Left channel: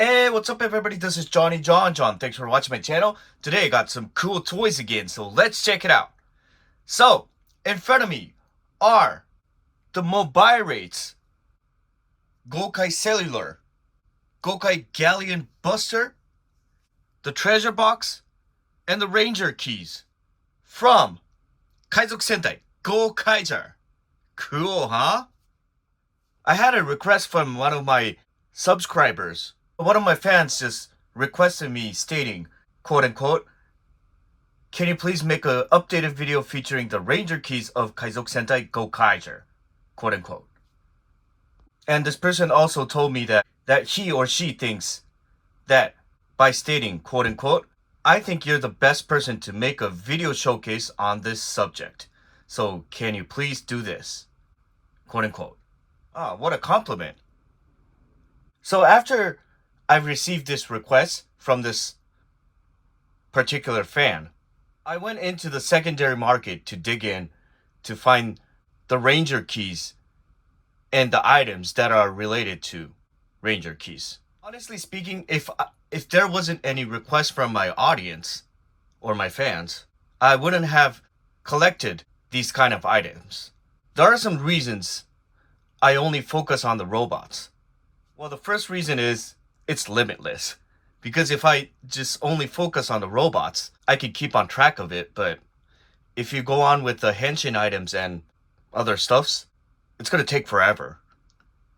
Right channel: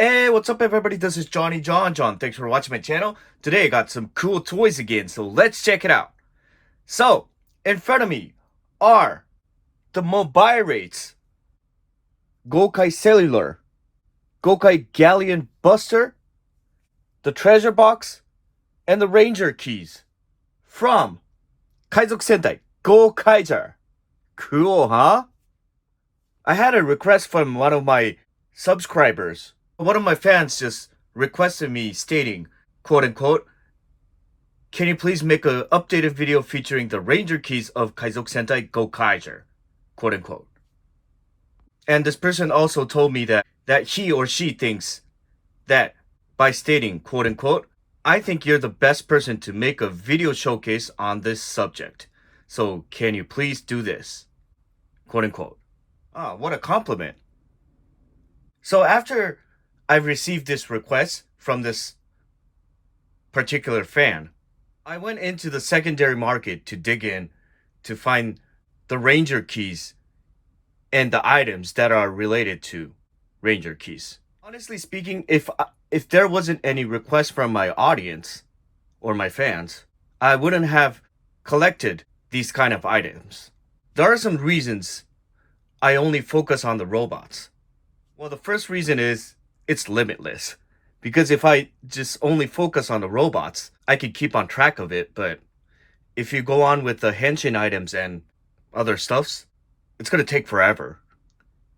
Hey, what's up everybody? This is Johnny John. Thanks for watching my channel. Today I got some cool toys again, so let's check it out. So, in front of me are the Mobilates, Gokai Cellular, Gokai Galleon Buster, the Treasure Box, and the Ranger Keys from海賊戦隊ゴーカイジャー. Cool, huh? I had a request from one of my subscribers. One of my fans just requested me stating, quote unquote, can you please make an updated video featuring the Ranger Keys of海賊戦隊 Gokaiger, quote unquote. And this person also told me that he or she thinks that by stating, quote unquote, I think you're the best person to make a video showcase on this subject. So can you please do this, quote unquote. Ah, what a compliment. So after I received this request from this particular fan, I went into the secondary market to dig in to find the Ranger Keys and the items that are related to Ranger Keys. Honestly speaking, if there wasn't any request from my audience or my fans, I wouldn't have collected these kind of items. There are some reasons I only focus on the robots. Well, the first reason is it's limitless. Because if I just only focus on the robots, I could keep on track of it. But if you go on with the henshin items and other stuffs, it's going to take forever.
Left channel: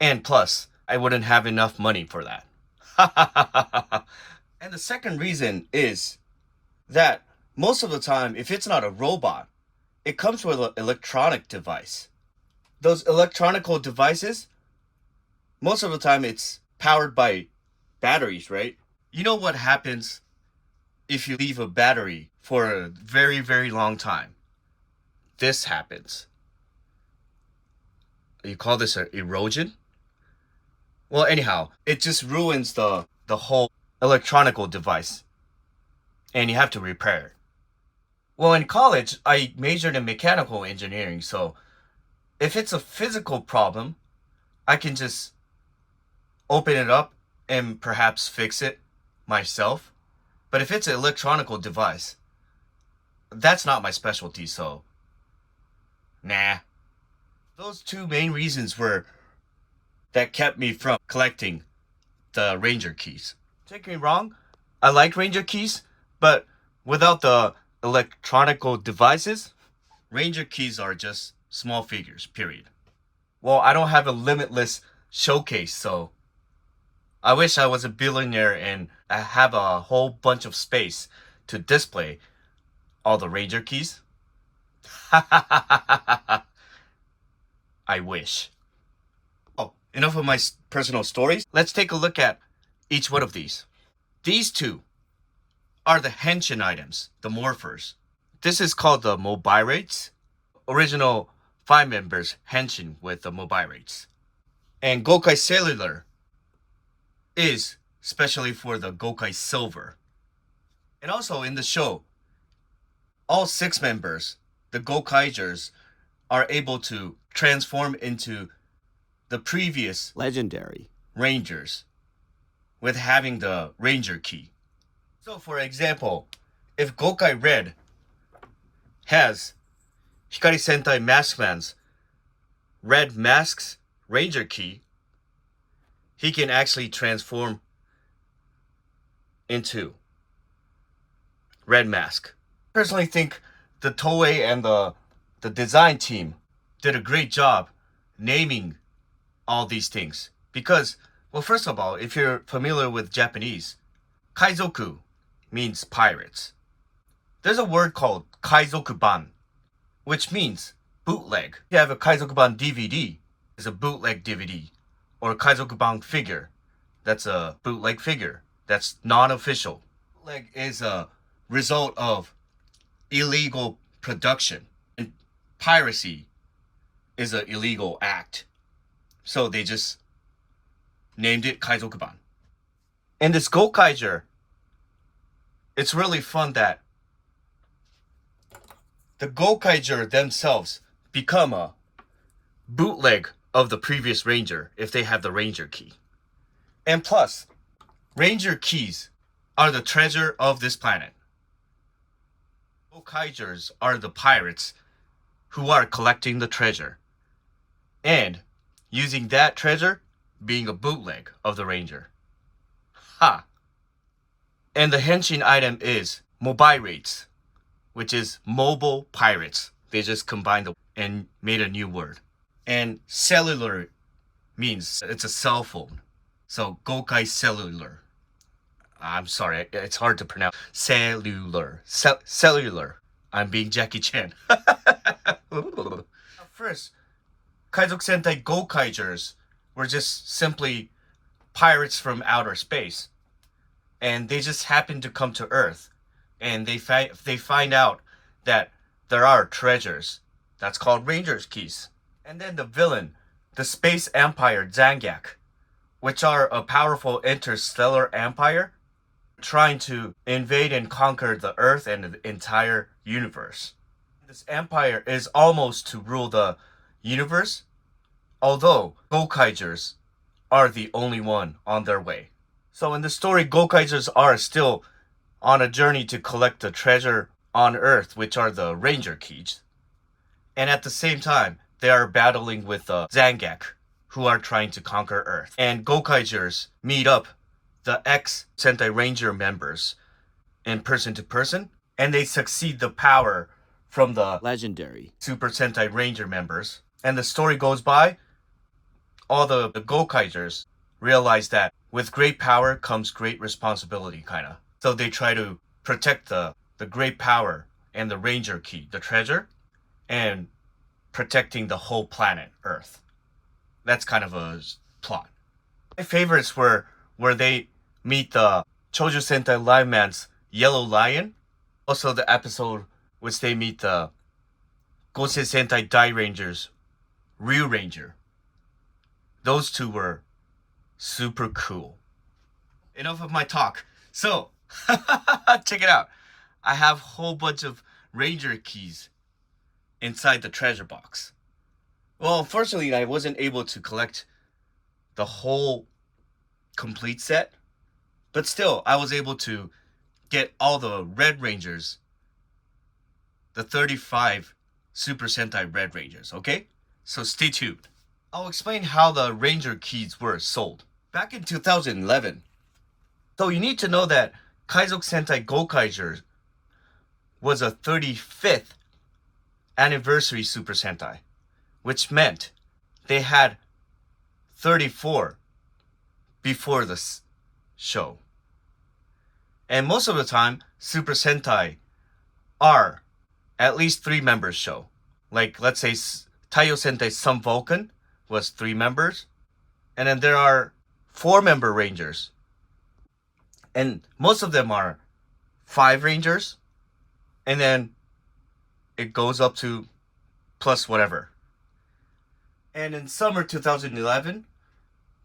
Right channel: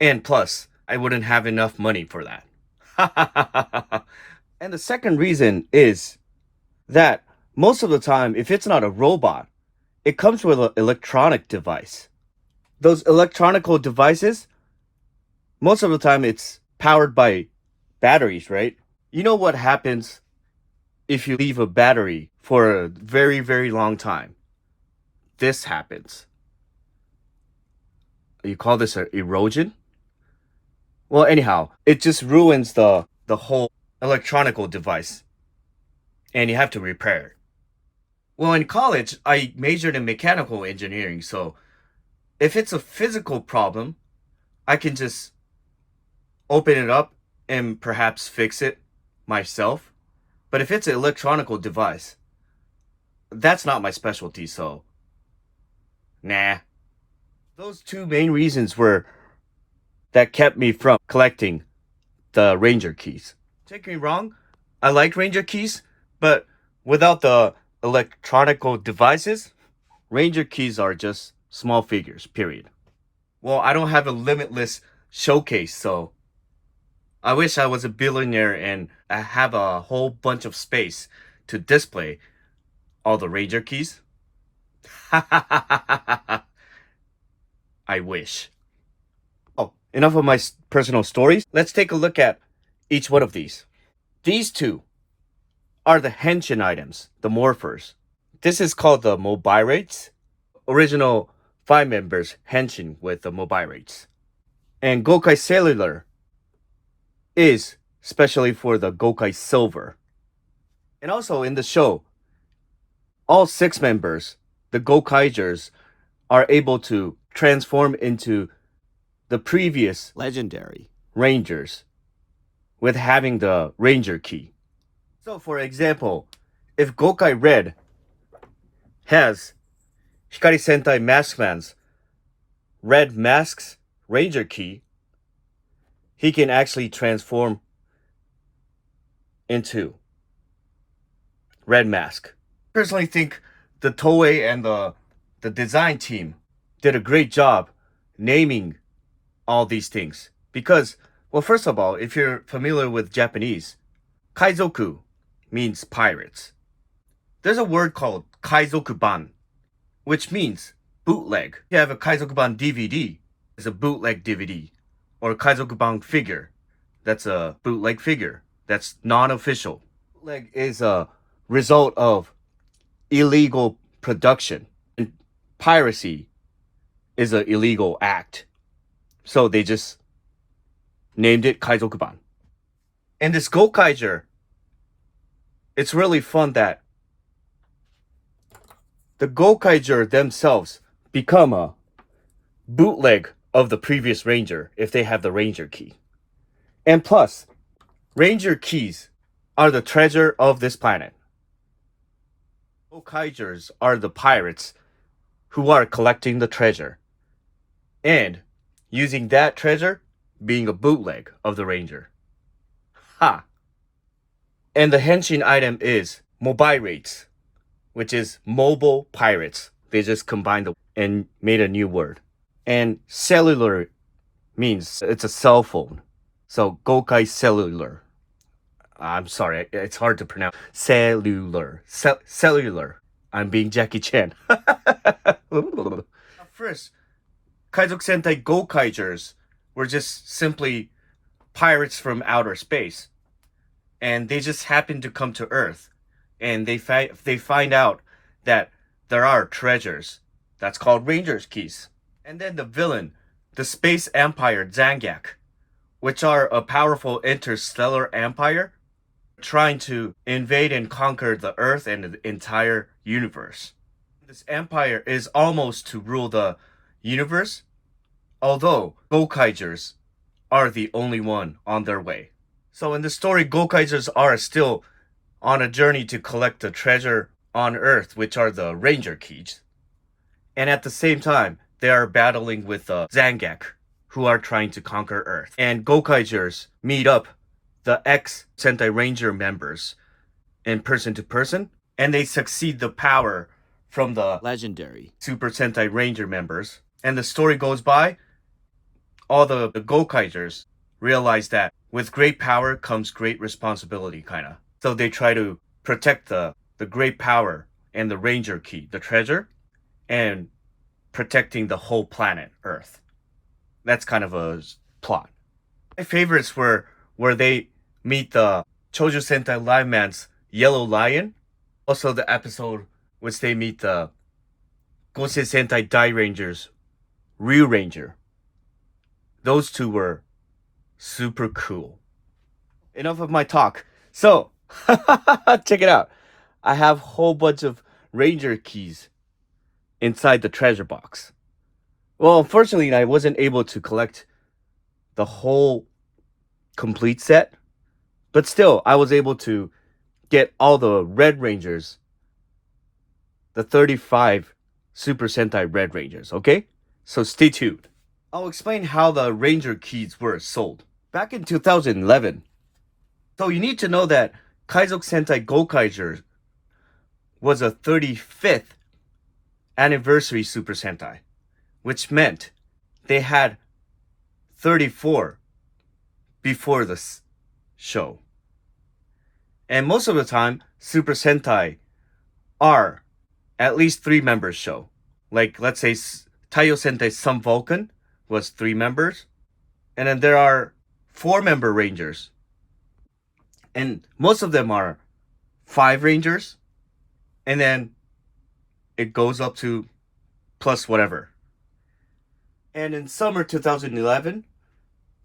And plus, I wouldn't have enough money for that. And the second reason is that most of the time, if it's not a robot, it comes with an electronic device. Those electronical devices, most of the time it's powered by batteries, right? You know what happens if you leave a battery for a very, very long time? This happens. You call this an erosion? Well, anyhow, it just ruins the whole electronical device. And you have to repair it. Well, in college, I majored in mechanical engineering, so if it's a physical problem, I can just open it up and perhaps fix it myself. But if it's an electronical device, that's not my specialty, so nah. Those two main reasons were that kept me from collecting the Ranger Keys. Take me wrong, I like Ranger Keys, but without the electronical devices, Ranger Keys are just small figures, period. Well, I don't have a limitless showcase, so I wish I was a billionaire and I have a whole bunch of space to display all the Ranger Keys. I wish. Oh, enough of my personal stories. Let's take a look at each one of these. These two are the henshin items, the morphers. This is called the Mobilates. Original 5 members henshin with the Mobilates. And Gokai Cellular is especially for the Gokai Silver. And also in the show, all 6 members, the Gokaigers, are able to transform into the previous legendary Rangers with having the Ranger Key. So for example, if Gokai Red has Hikari Sentai Maskman's Red Mask's Ranger Key, he can actually transform into Red Mask. I personally think the Toei and the design team did a great job naming all these things. Because, well, first of all, if you're familiar with Japanese, Kaizoku means pirates. There's a word called Kaizokuban, which means bootleg. You have a Kaizokuban DVD, it's a bootleg DVD. Or a Kaizokuban figure, that's a bootleg figure. That's non-official. Bootleg is a result of illegal production. And piracy is an illegal act. So they just named it Kaizokuban. And this Gokaiger, it's really fun that the Gokaiger themselves become a bootleg of the previous Ranger if they have the Ranger Key. And plus, Ranger keys are the treasure of this planet. Gokaijers are the pirates who are collecting the treasure and using that treasure being a bootleg of the Ranger. Ha! And the henshin item is Mobilates, which is mobile pirates. They just combined and made a new word. And cellular means it's a cell phone. So Gokai Cellular. I'm sorry, it's hard to pronounce. Cellular. Cellular. I'm being Jackie Chan. First, Kaizok Sentai Gokaijers were just simply pirates from outer space. And they just happened to come to Earth. And they find out that there are treasures. That's called Ranger's Keys. And then the villain, the Space Empire Zangak, which are a powerful interstellar empire trying to invade and conquer the Earth and the entire universe. This empire is almost to rule the universe, although Gokaijers are the only one on their way. So in the story, Gokaijers are still on a journey to collect the treasure on Earth, which are the Ranger Keys. And at the same time, they are battling with the Zangak, who are trying to conquer Earth. And Gokaijers meet up the ex-Sentai Ranger members in person to person, and they succeed the power from the legendary Super Sentai Ranger members. And the story goes by, all the Gokaijers realize that with great power comes great responsibility, kinda. So they try to protect the great power and the Ranger Key, the treasure, and protecting the whole planet, Earth. That's kind of a plot. My favorites were where they meet the Choju Sentai Live Man's Yellow Lion. Also the episode which they meet the Gosei Sentai Dai Ranger's Ryu Ranger. Those two were super cool. Enough of my talk. So, check it out. I have a whole bunch of Ranger keys inside the treasure box. Well, unfortunately, I wasn't able to collect the whole complete set. But still, I was able to get all the Red Rangers, the 35 Super Sentai Red Rangers, okay? So stay tuned. I'll explain how the Ranger keys were sold. Back in 2011, so you need to know that Kaizok Sentai Gokaijers was a 35th anniversary Super Sentai, which meant they had 34 before the show. And most of the time, Super Sentai are at least 3 members show. Like, let's say Taiyo Sentai Sun Vulcan was 3 members. And then there are 4-member Rangers. And most of them are 5 Rangers. And then it goes up to plus whatever. And in summer 2011,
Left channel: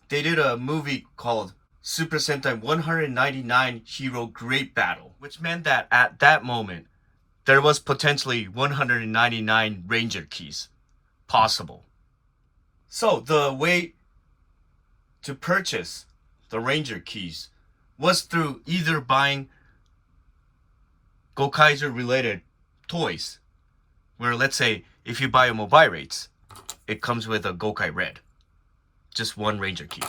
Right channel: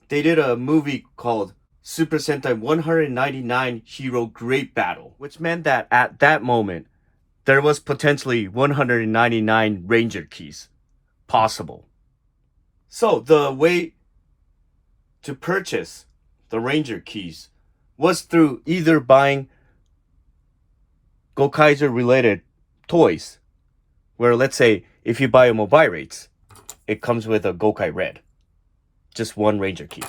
they did a movie called Super Sentai 199 Hero Great Battle, which meant that at that moment, there was potentially 199 Ranger keys possible. So the way to purchase the Ranger keys was through either buying Gokaiser related toys, where let's say if you buy a Mobilates, it comes with a Gokai Red, just 1 Ranger key.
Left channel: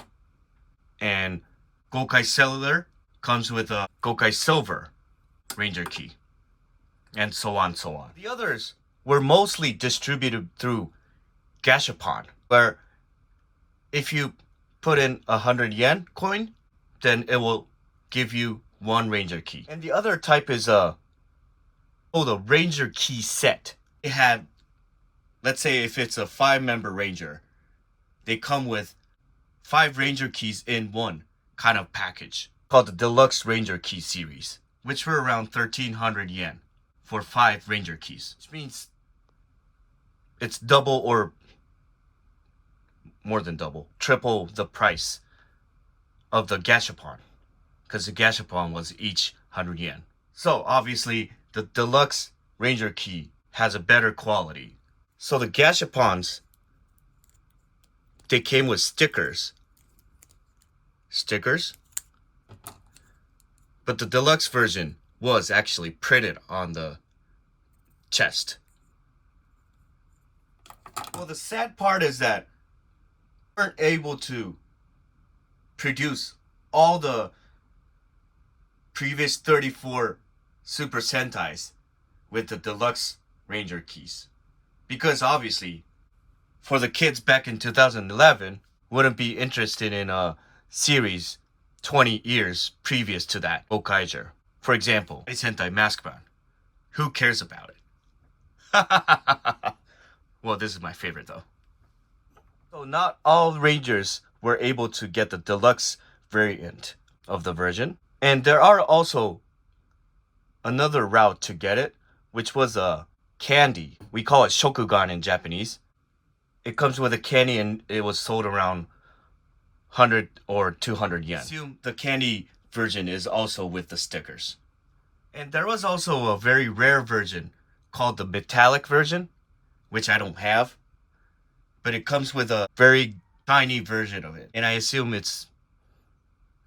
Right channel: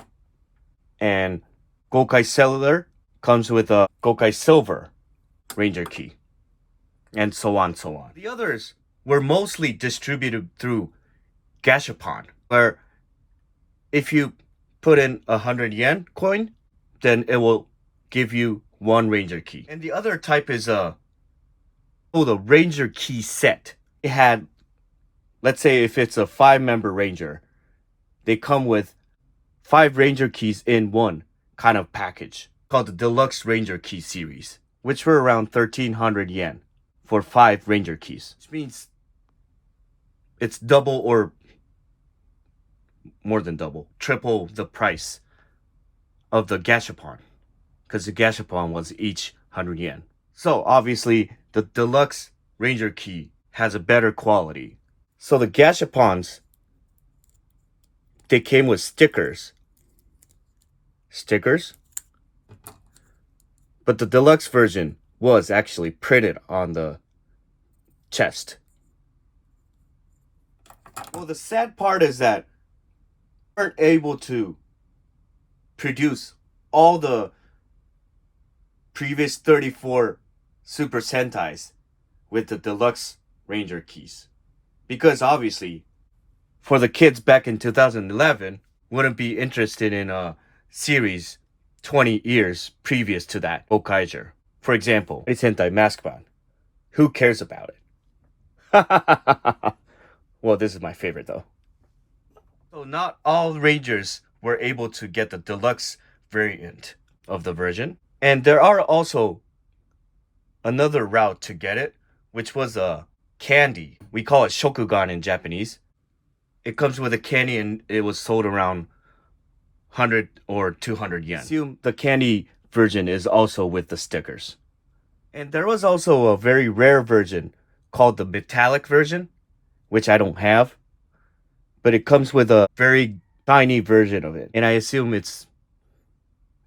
And Gokai Cellular comes with a Gokai Silver Ranger key. And so on, so on. The others were mostly distributed through Gashapon, where if you put in 100 yen coin, then it will give you 1 Ranger key. And the other type is the Ranger key set. It had, let's say if it's a 5-member Ranger, they come with 5 Ranger keys in one kind of package called the Deluxe Ranger Key series, which were around 1,300 yen for 5 Ranger keys, which means it's double or more than double, triple the price of the Gashapon, because the Gashapon was each 100 yen. So obviously the Deluxe Ranger Key has a better quality. So the Gashapons, they came with stickers. But the deluxe version was actually printed on the chest. Well, the sad part is that we weren't able to produce all the previous 34 Super Sentais with the deluxe Ranger keys. Because obviously, for the kids back in 2011, wouldn't be interested in a series 20 years previous to that, Gokaiger. For example, a Sentai Mask Band. Who cares about it? Well, this is my favorite though. So not all Rangers were able to get the deluxe variant of the version. And there are also another route to get it, which was a candy. We call it shokugan in Japanese. It comes with a candy and it was sold around 100 or 200 yen. I assume the candy version is also with the stickers. And there was also a very rare version called the metallic version, which I don't have. But it comes with a very tiny version of it. And I assume it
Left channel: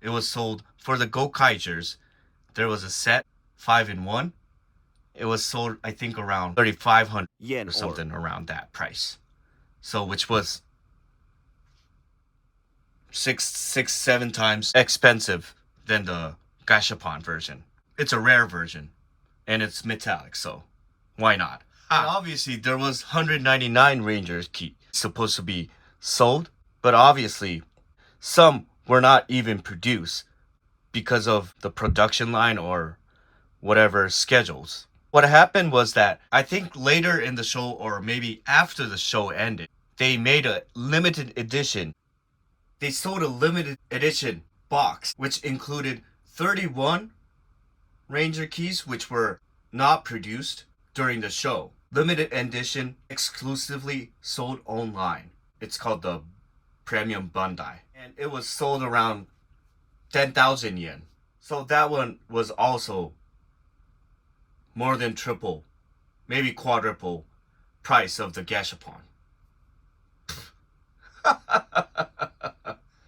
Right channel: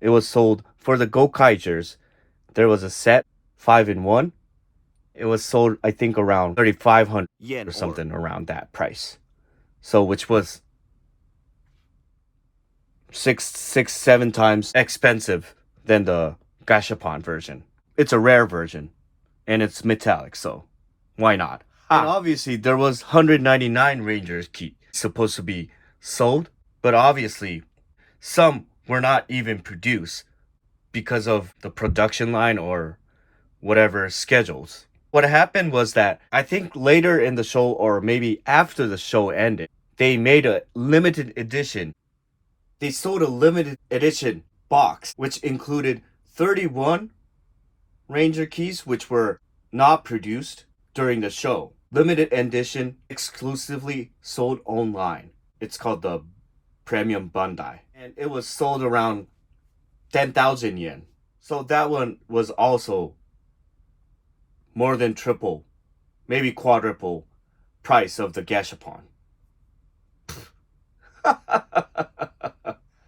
was sold for the Gokaigers. There was a set 5-in-1. It was sold, I think, around 3,500 yen or something around that price. So, which was 7 times expensive than the Gashapon version. It's a rare version, and it's metallic, so why not? And obviously, there was 199 Rangers key supposed to be sold, but obviously, some were not even produced because of the production line or whatever schedules. What happened was that I think later in the show, or maybe after the show ended, they made a limited edition. They sold a limited edition box, which included 31 Ranger keys, which were not produced during the show. Limited edition, exclusively sold online. It's called the Premium Bandai. And it was sold around 10,000 yen. So that one was also more than triple, maybe quadruple price of the Gashapon.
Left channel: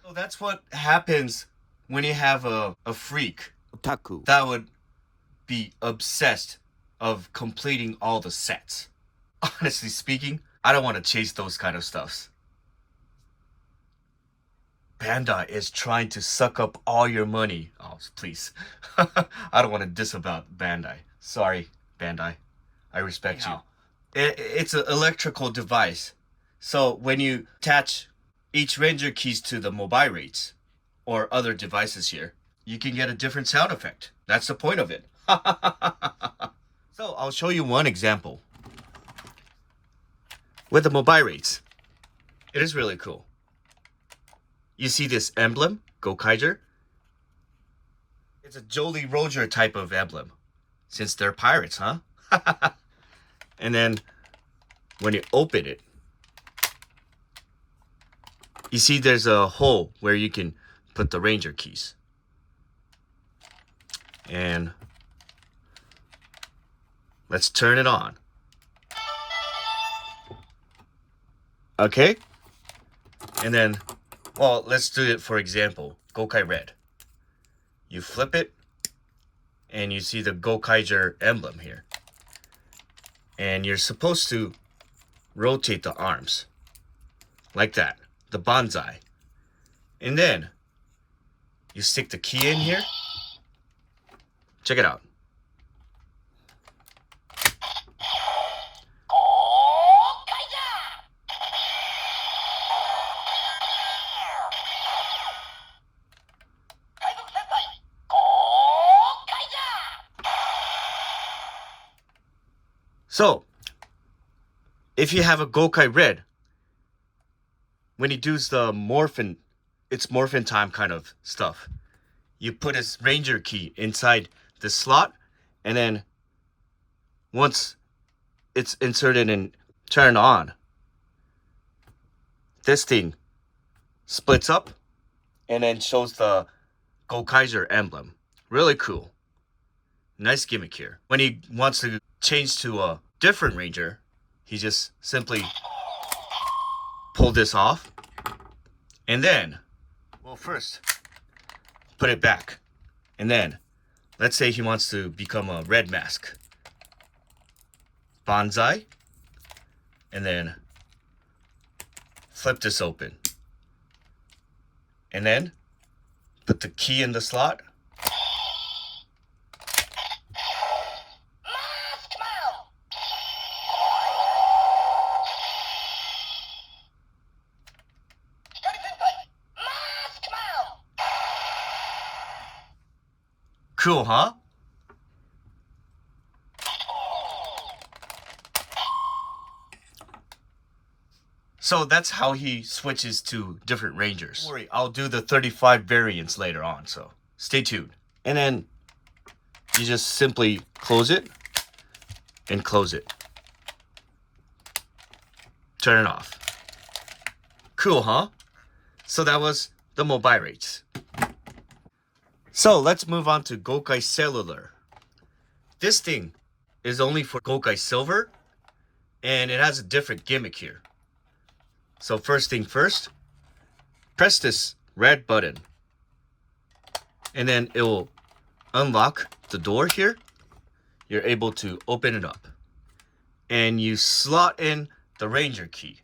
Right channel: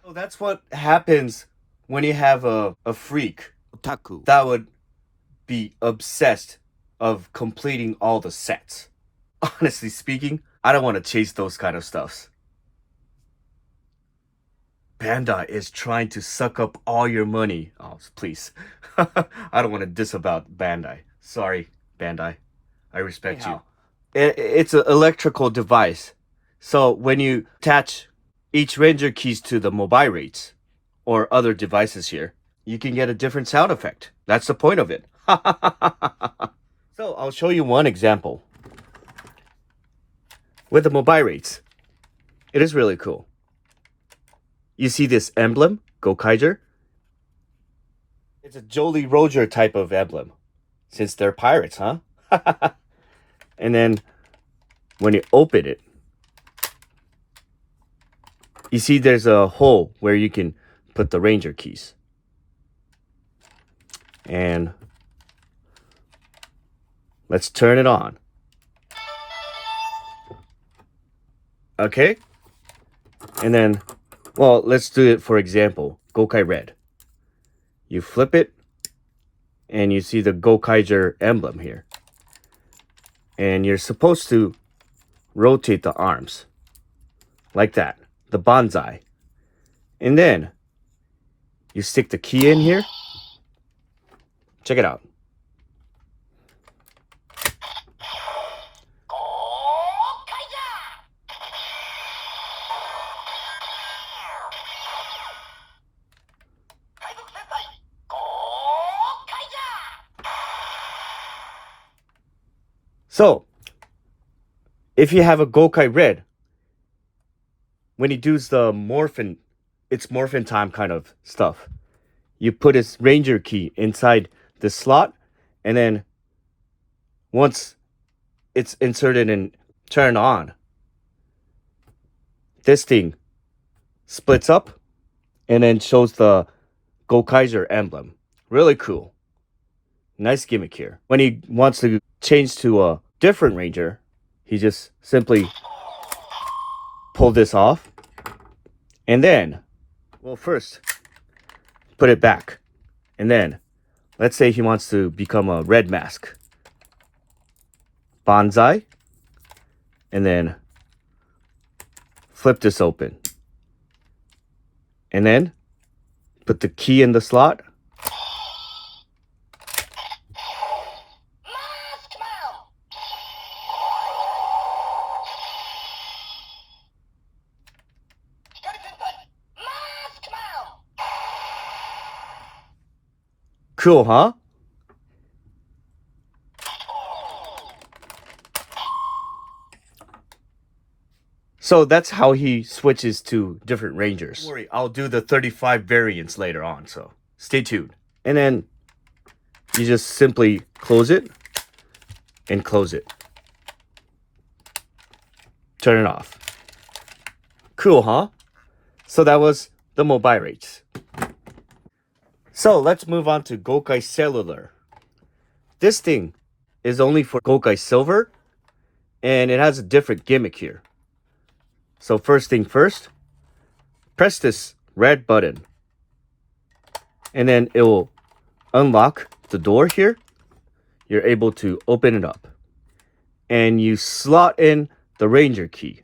So that's what happens when you have a freak, otaku, that would be obsessed of completing all the sets. Honestly speaking, I don't want to chase those kind of stuffs. Bandai is trying to suck up all your money. Oh, please. I don't want to diss about Bandai. Sorry, Bandai. I respect you. It's an electrical device. So when you attach each Ranger keys to the Mobilates or other devices here, you can get a different sound effect. That's the point of it. So I'll show you one example. With the Mobilates, it is really cool. You see this emblem, Gokaiger? It's a Jolly Roger type of emblem. Since they're pirates, huh? And then when you open it, you see there's a hole where you can put the Ranger keys. And let's turn it on. Okay? And then, well, let's do it for example. Gokai Red. You flip it, and you see the Gokaiger emblem here. And you're supposed to rotate the arms. Like that. The bonsai. And then, you stick the key in here. Check it out. So, if you have a Gokai Red, when he does the morphin, it's morphin time kind of stuff. You put his Ranger key inside the slot, and then once it's inserted and turned on, this thing splits up and then shows the Gokaiger emblem. Really cool. Nice gimmick here. When he wants to change to a different Ranger, he just simply pull this off, and then, well, first put it back, and then Let's say he wants to become a red mask. Banzai. And then flip this open. And then put the key in the slot. Cool, huh? So that's how he switches to different Rangers. Don't worry, I'll do the 35 variants later on, so stay tuned. And then you just simply close it and close it. Turn it off. Cool, huh? So that was the Mobilates. So let's move on to Gokai Cellular. This thing is only for Gokai Silver, and it has a different gimmick here. So first thing first, press this red button, and then it will unlock the door here. You're able to open it up, and you slot in the Ranger key.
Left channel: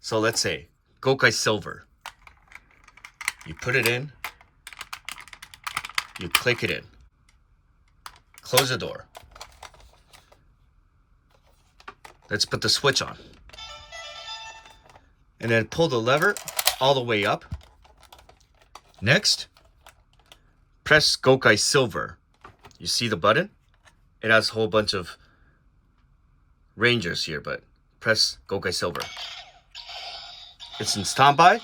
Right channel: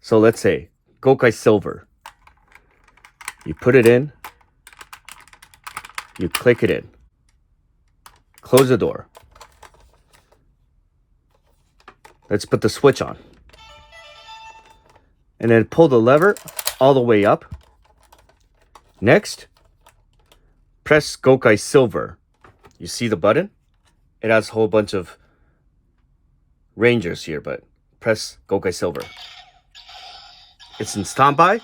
So let's say Gokai Silver. You put it in. You click it in. Close the door. Let's put the switch on. And then pull the lever all the way up. Next, press Gokai Silver. You see the button? It has a whole bunch of Rangers here, but press Gokai Silver. It's in standby.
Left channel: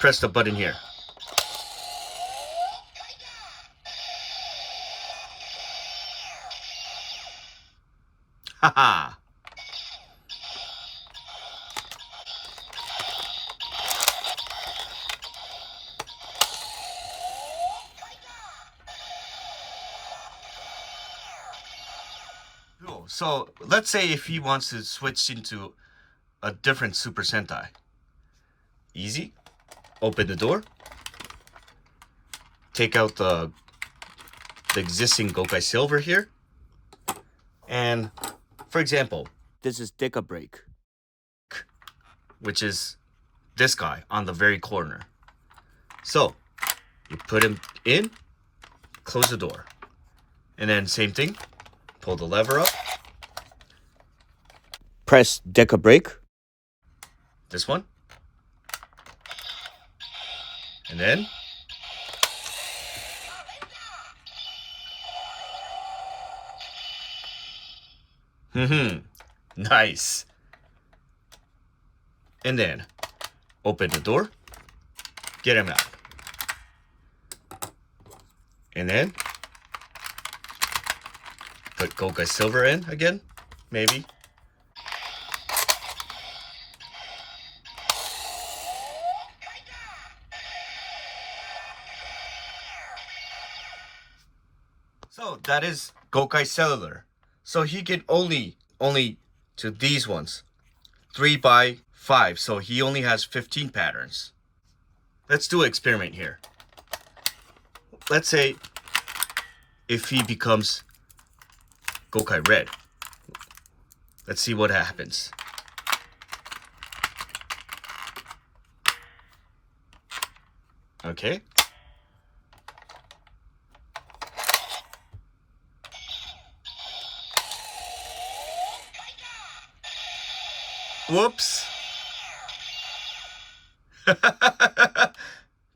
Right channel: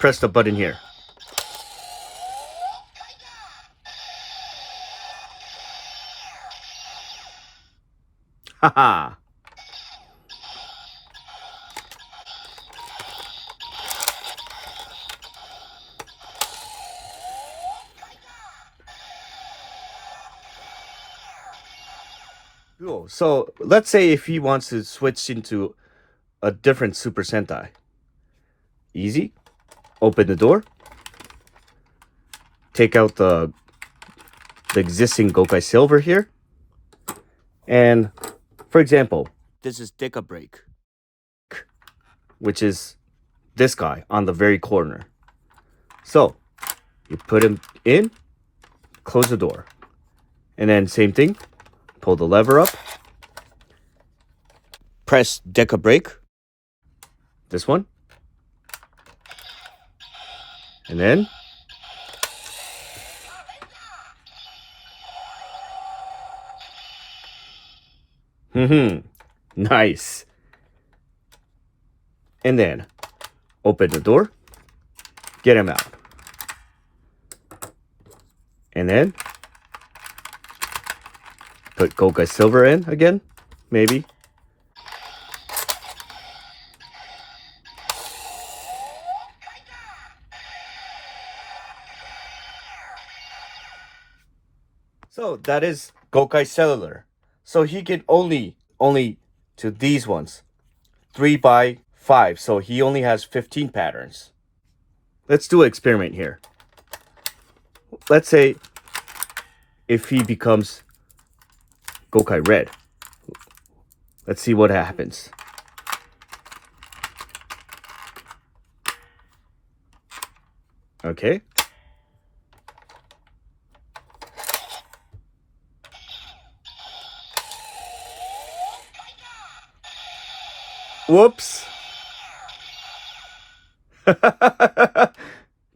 Press the button here. Haha. Cool. So let's say if he wants to switch into a different Super Sentai. Easy. Open the door. Take out the existing Gokai Silver here. And for example, this is Deca Break, which is this guy on the very corner. So you put him in, close the door, and then same thing, pull the lever up, press Deca Break, this one, and then nice. And then open the door, get him out. And then put Gokai Silver in again, maybe. So that is Gokai Cellular. So he can only to these ones. 3x5. So he only has 15 patterns. Let's do an experiment here. Let's say if he becomes Gokai Red. Let's see what happens. Okay. Whoops.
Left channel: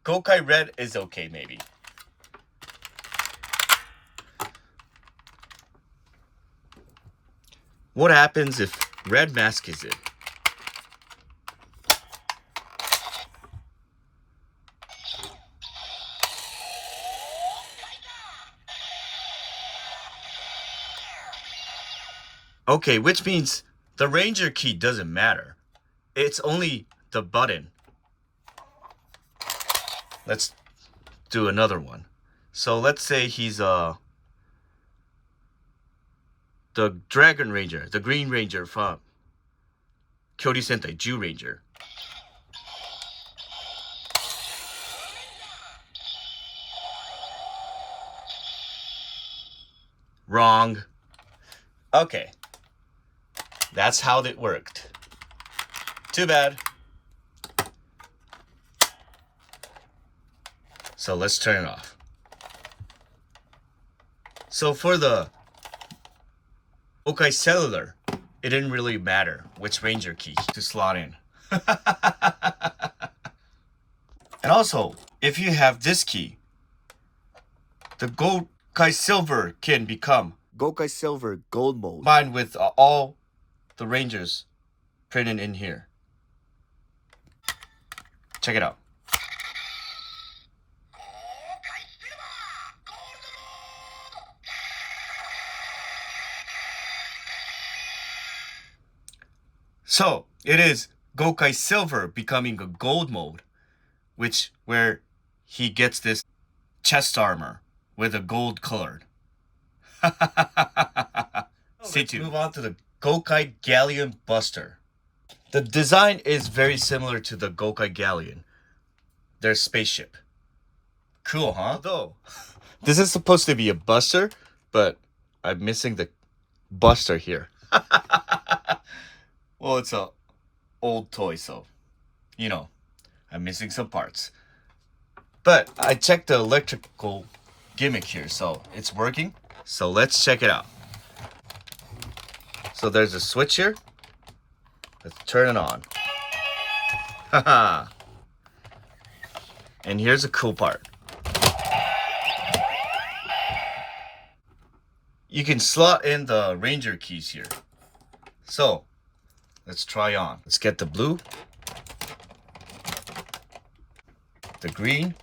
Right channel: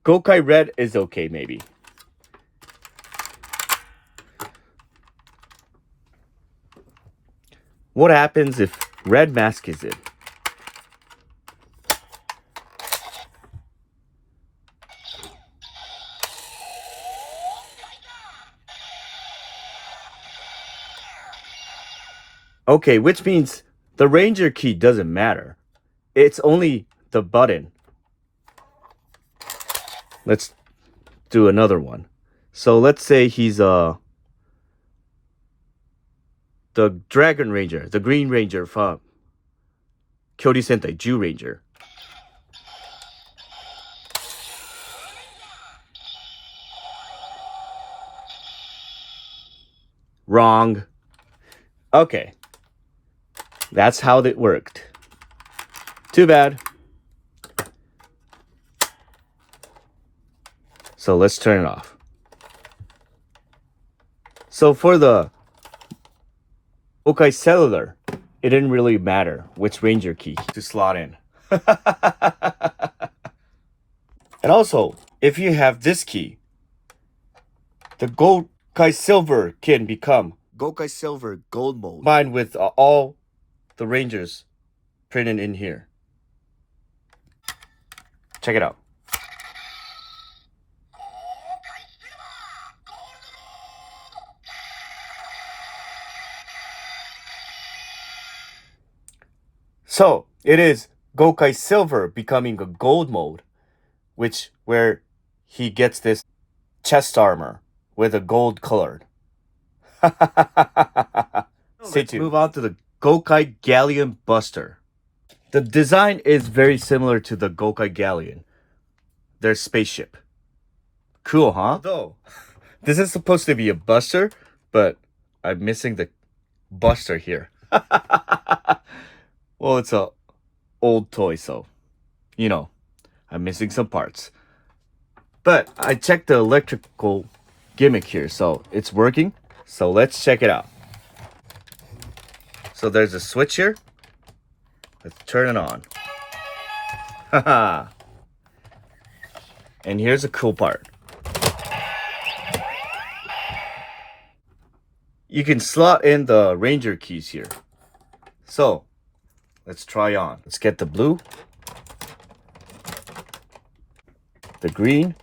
Gokai Red is okay, maybe. What happens if Red Mask is in? Okay, which means the Ranger key doesn't matter. It's only the button. Let's do another one. So let's say he's the Dragon Ranger, the Green Ranger from Kyori Sentai Jew Ranger. Wrong. Okay. That's how it worked. Too bad. So let's turn it off. So for the Gokai Cellular, it didn't really matter which Ranger key to slot in. And also, if you have this key, the Gokai Silver can become Gokai Silver Gold mode, combined with all the Rangers printed in here. Check it out. So it is Gokai Silver becoming a gold mode, where he gets this chest armor with a gold colored. Stay tuned. Move on to the Gokai Galleon Buster. The design is very similar to the Gokai Galleon, their spaceship. Cool, huh? Although, this is supposed to be a buster, but I'm missing the buster here. Well, it's a old toy, so, you know, I'm missing some parts. But I checked the electrical gimmick here, so it's working. So let's check it out. So there's a switch here. Let's turn it on. Haha. And here's a cool part. You can slot in the Ranger keys here. So let's try on. Let's get the blue, the green,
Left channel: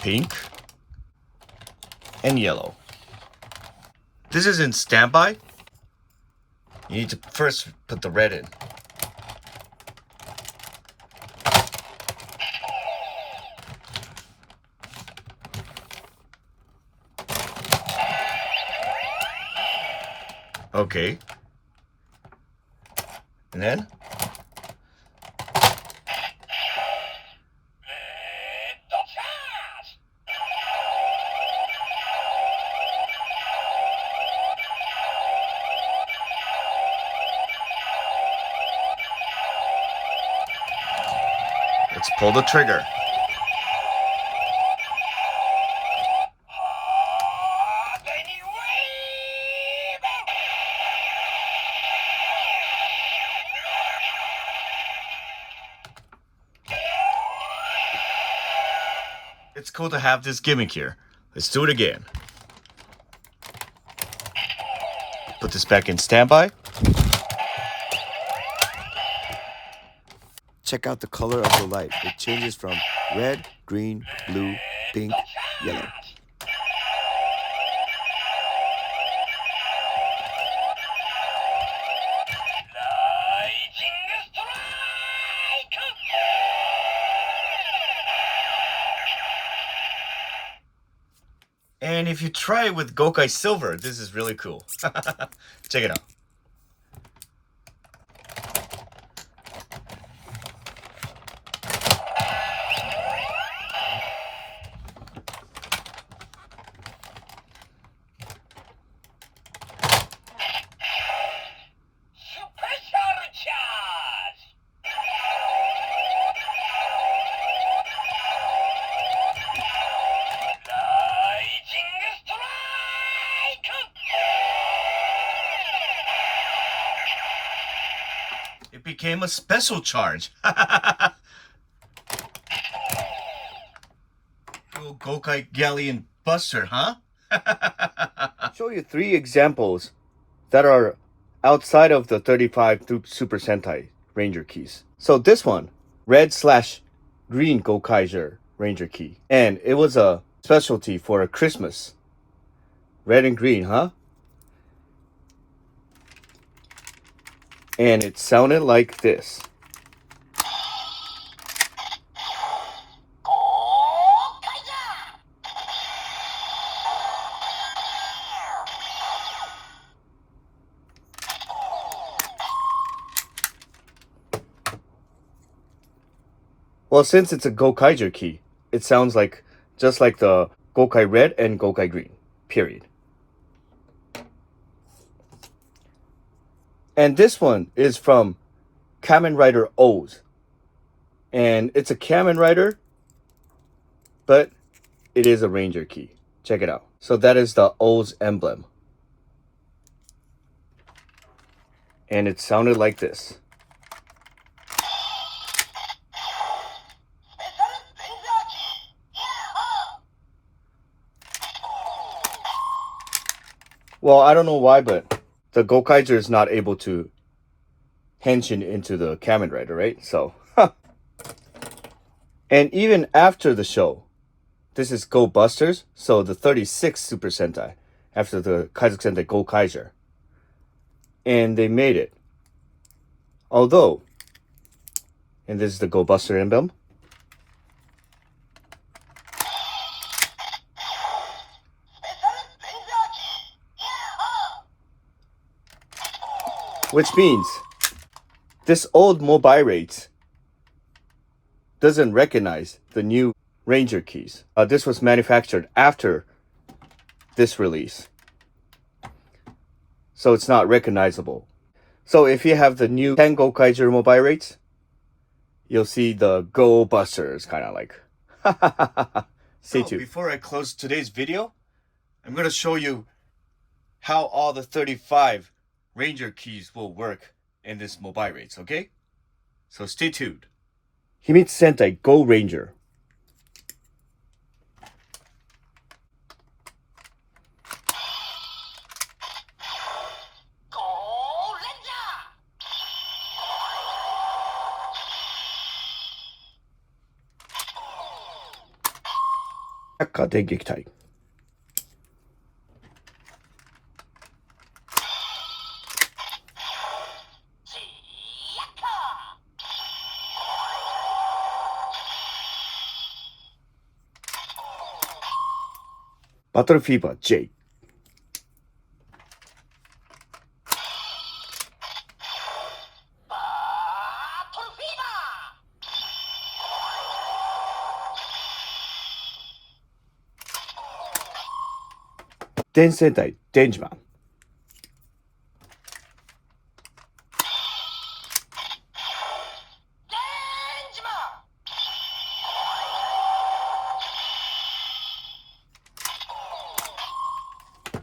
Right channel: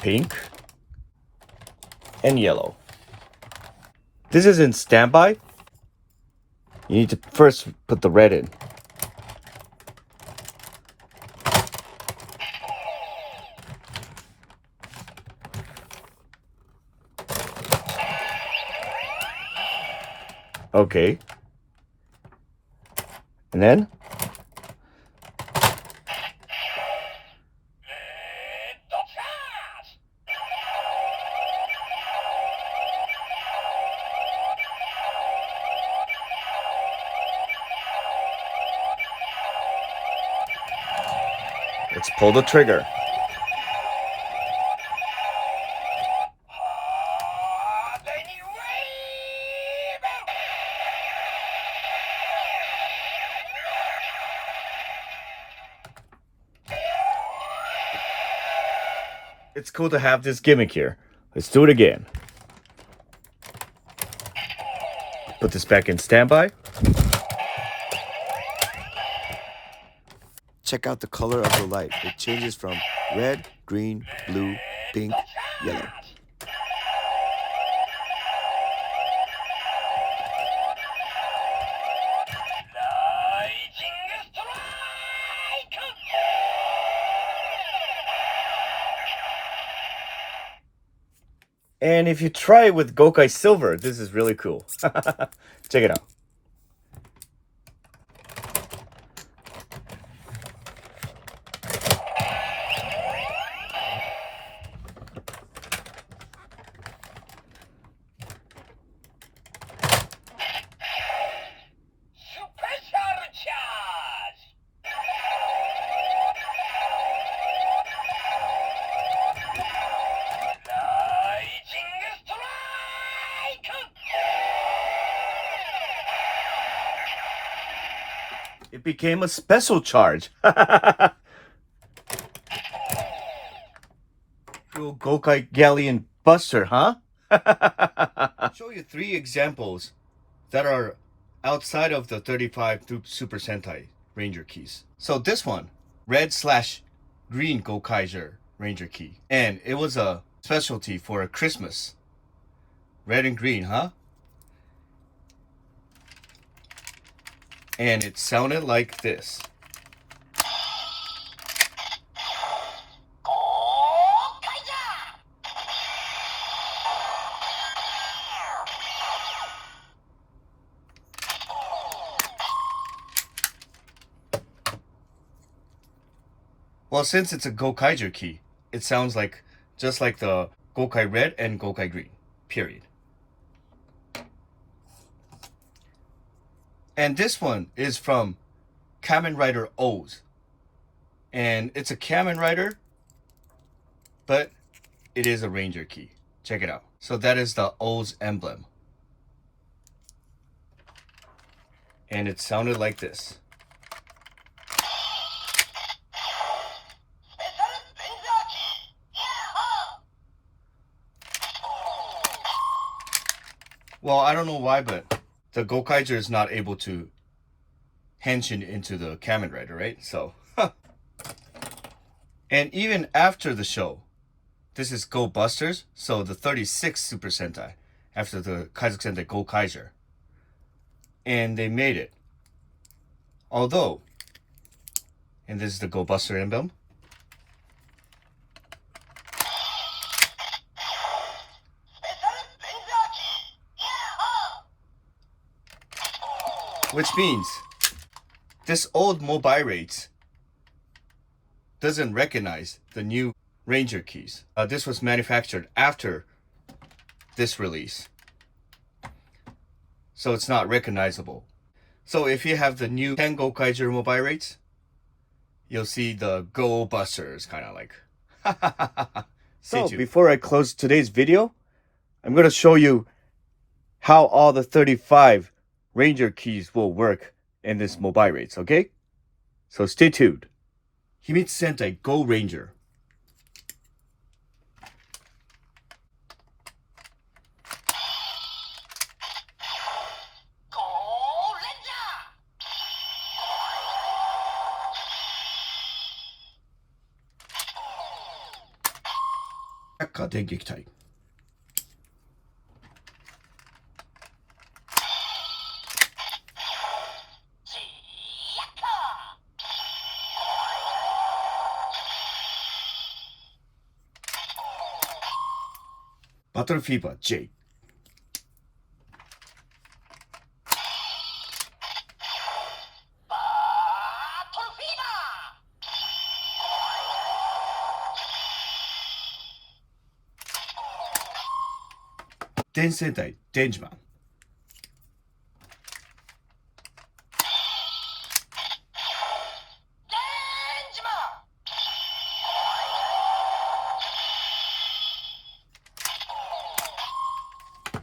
pink, and yellow. This is in standby. You need to first put the red in. Okay. And then let's pull the trigger. It's cool to have this gimmick here. Let's do it again. Put this back in standby. Check out the color of the light. It changes from red, green, blue, pink, yellow. And if you try it with Gokai Silver, this is really cool. Check it out. It became a special charge. Cool Gokai Galleon Buster, huh? I'll show you 3 examples that are outside of the 35 Super Sentai Ranger keys. So this one, red/green Gokaiger Ranger key. And it was a specialty for a Christmas. Red and green, huh? And it sounded like this. Well, since it's a Gokaiger key, it sounds like just like the Gokai Red and Gokai Green, period. And this one is from Kamen Rider O's. And it's a Kamen Rider, but it is a Ranger key. Check it out. So that is the O's emblem. And it sounded like this. Well, I don't know why, but the Gokaiger is not able to henshin into the Kamen Rider, right? So, And even after the show, this is Go Busters, so the 36th Super Sentai, after the Kaizuk Sentai Gokai Cellular. And they made it. Although, and this is the Go Buster emblem. Which means this old Mobilates doesn't recognize the new Ranger keys. This was manufactured after this release, so it's not recognizable. So if you have the new Tengo Kaiser Mobilates, you'll see the Go Busters, kind of like. Stay tuned. Before I close today's video, I'm going to show you how all the 35 Ranger keys will work in this Mobilates, okay? So stay tuned. Himitsu Sentai Go Ranger. Akka 電撃隊。バトルフィーバー J。電戦隊デンジマン。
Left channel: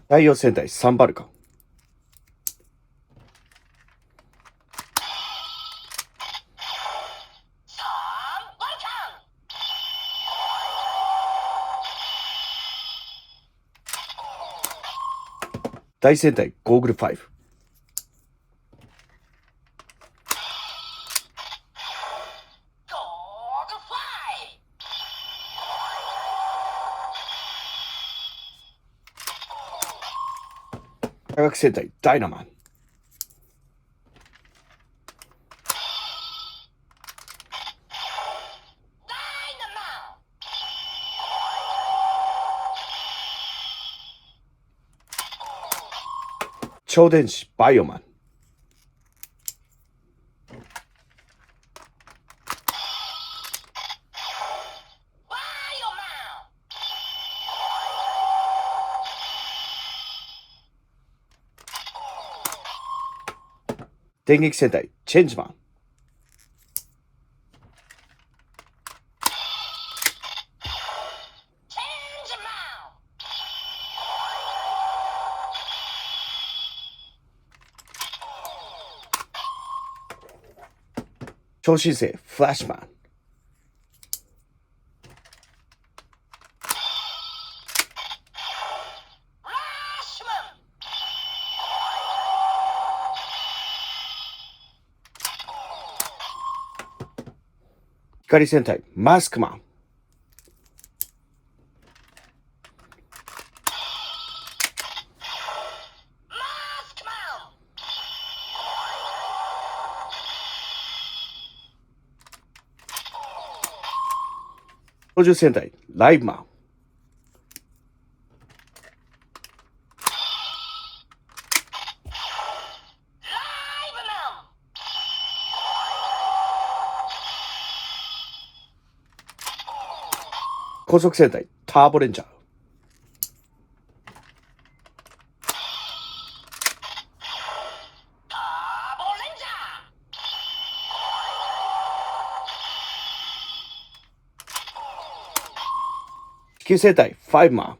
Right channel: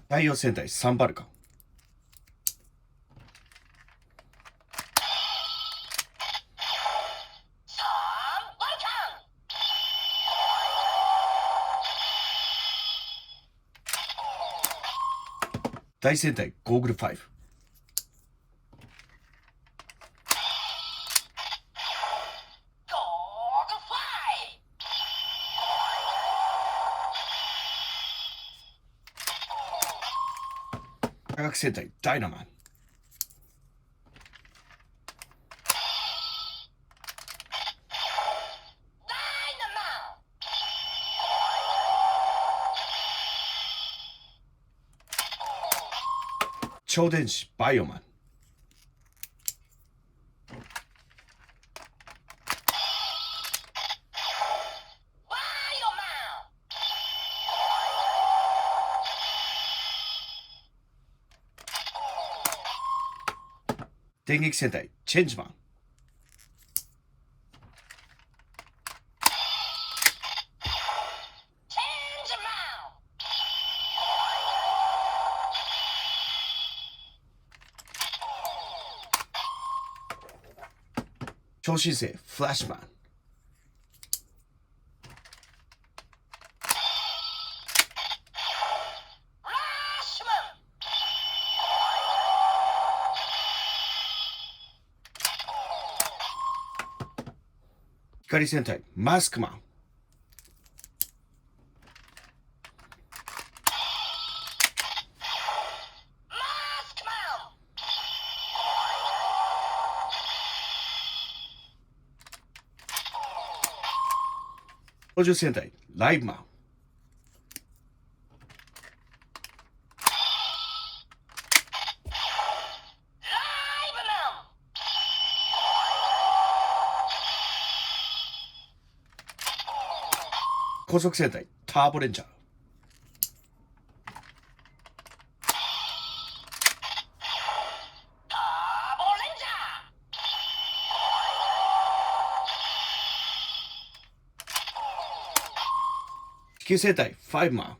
太陽戦隊サンバルカン。大戦隊ゴーグル5。科学戦隊ダイナマン。超電子バイオマン。電撃戦隊チェンジマン。超新星フラッシュマン。光戦隊マスクマン。操縦戦隊ライブマン。高速戦隊ターボレンジャー。地球生態ファイブマン。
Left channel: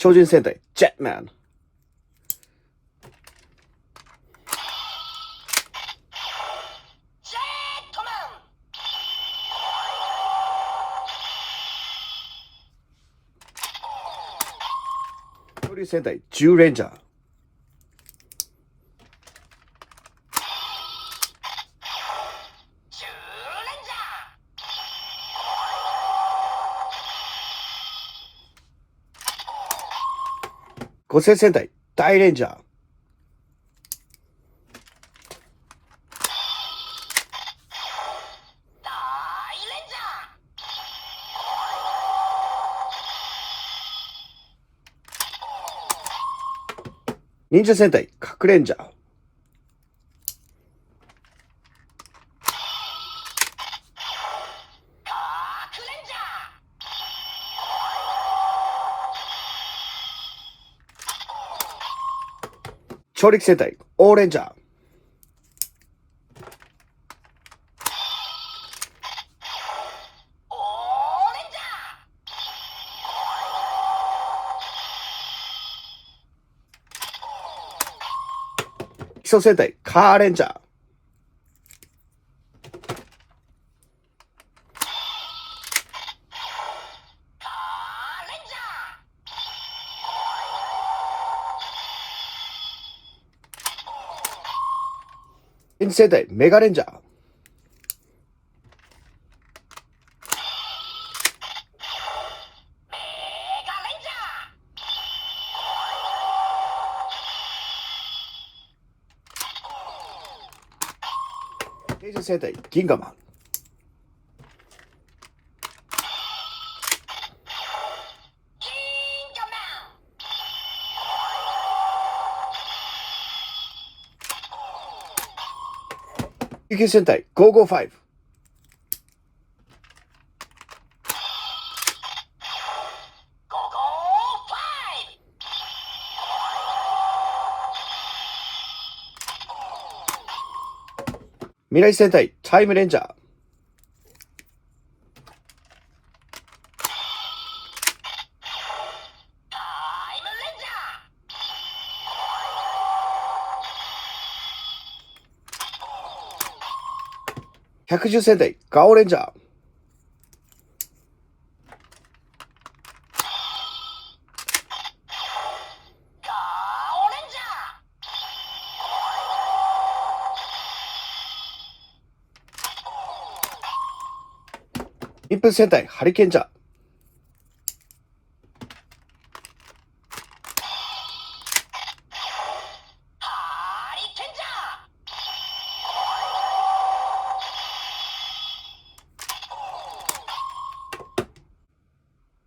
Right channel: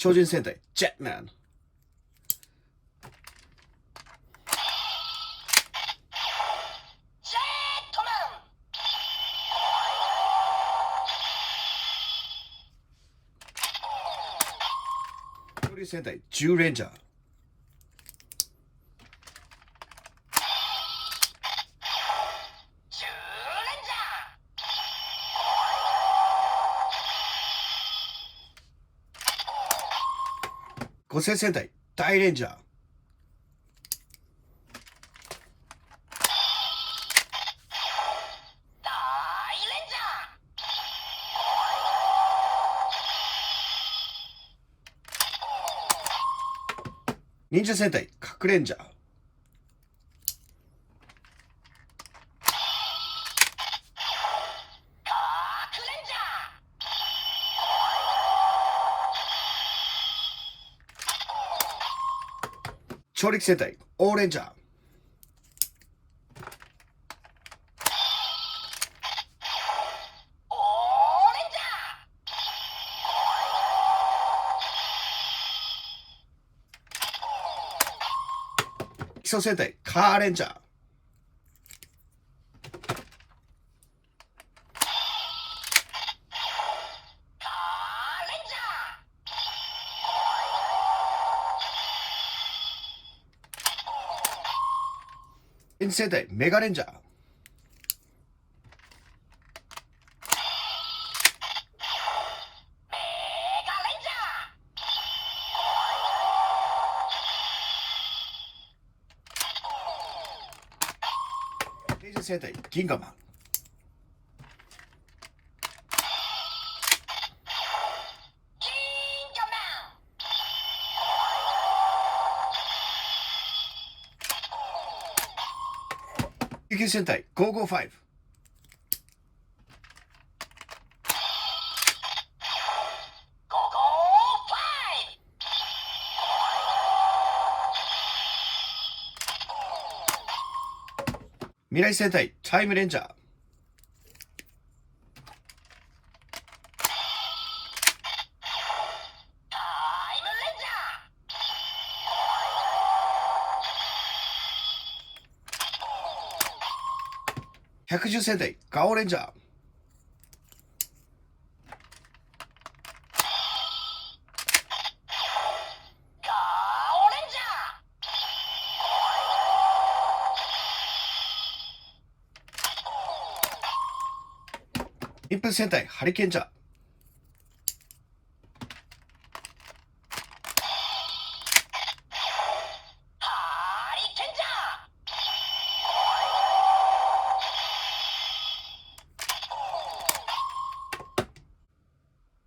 超人戦隊ジェットマン。恐竜戦隊ジューレンジャー。五星戦隊大レンジャー。忍者戦隊核レンジャー。超力戦隊オーレンジャー。基礎戦隊カーレンジャー。変身戦隊メガレンジャー。変身戦隊ギンガマン。救急戦隊555。未来戦隊タイムレンジャー。110戦隊ガオレンジャー。1分戦隊ハリケンジャー。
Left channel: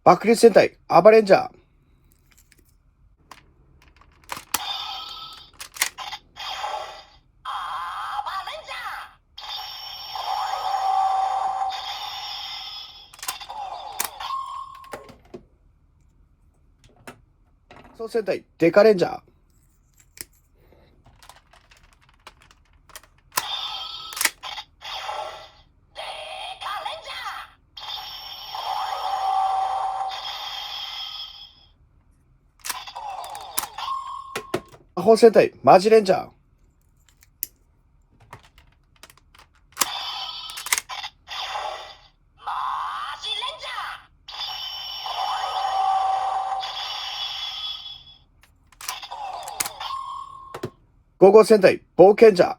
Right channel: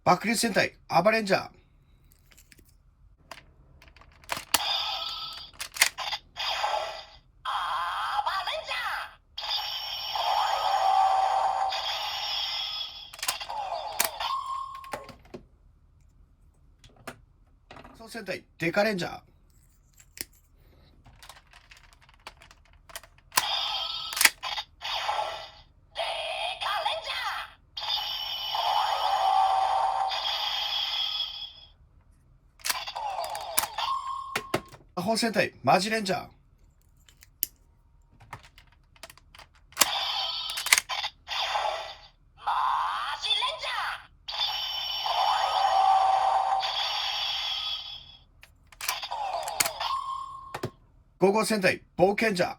爆裂戦隊アバレンジャー。総戦隊デカレンジャー。魔法戦隊マジレンジャー。ゴーゴー戦隊冒険者。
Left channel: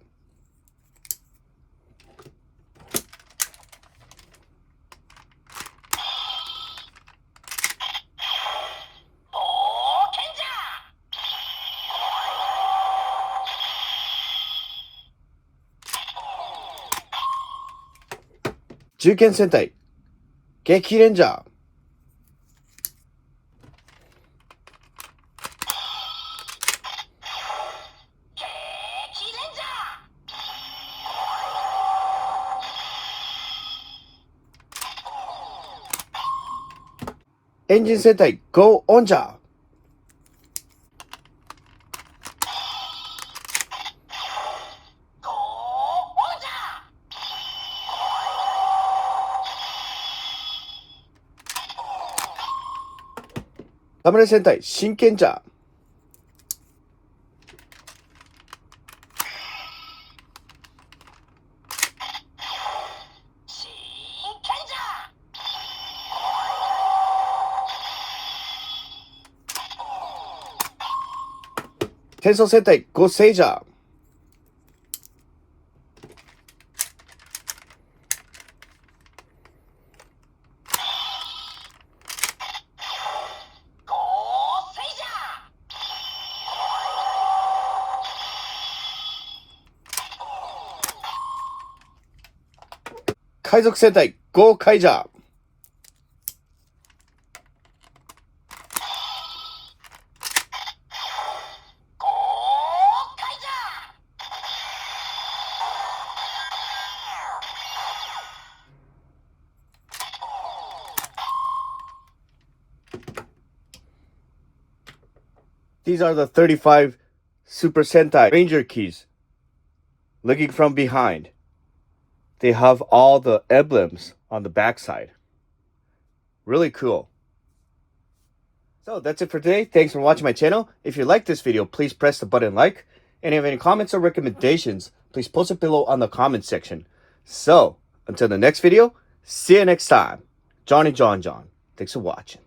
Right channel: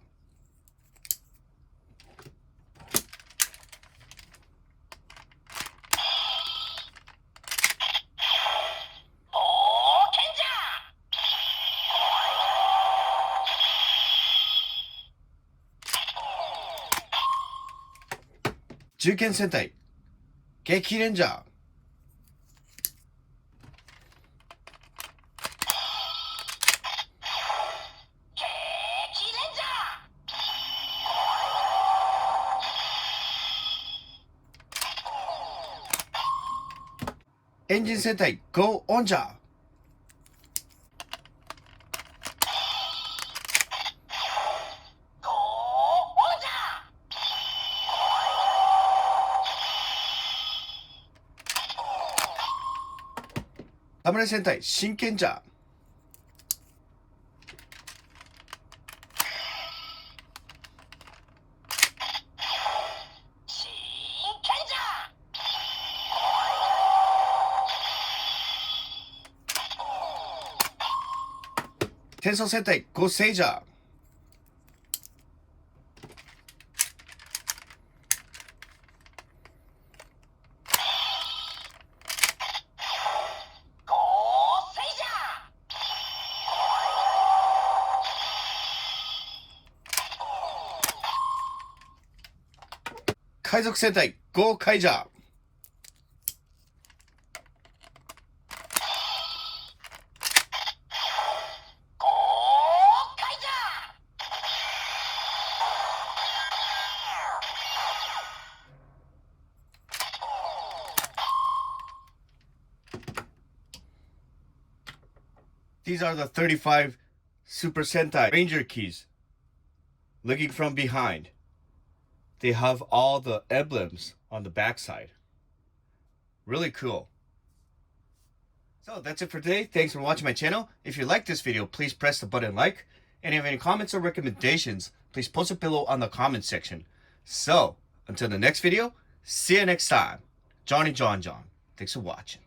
銃剣戦隊激レンジャー。エンジン戦隊ゴーオンジャー。侍戦隊真剣ジャー。転送戦隊ゴセイジャー。海賊戦隊ゴーカイジャー。These are the 35 Super Sentai Ranger keys. Looking from behind, they have all the emblems on the backside. Really cool. So that's it for today. Thanks for watching my channel. If you like this video, please press the button like. And if you have any comments or recommendations, please post it below on the comment section. So, until the next video, see you next time. Johnny John. Thanks for watching.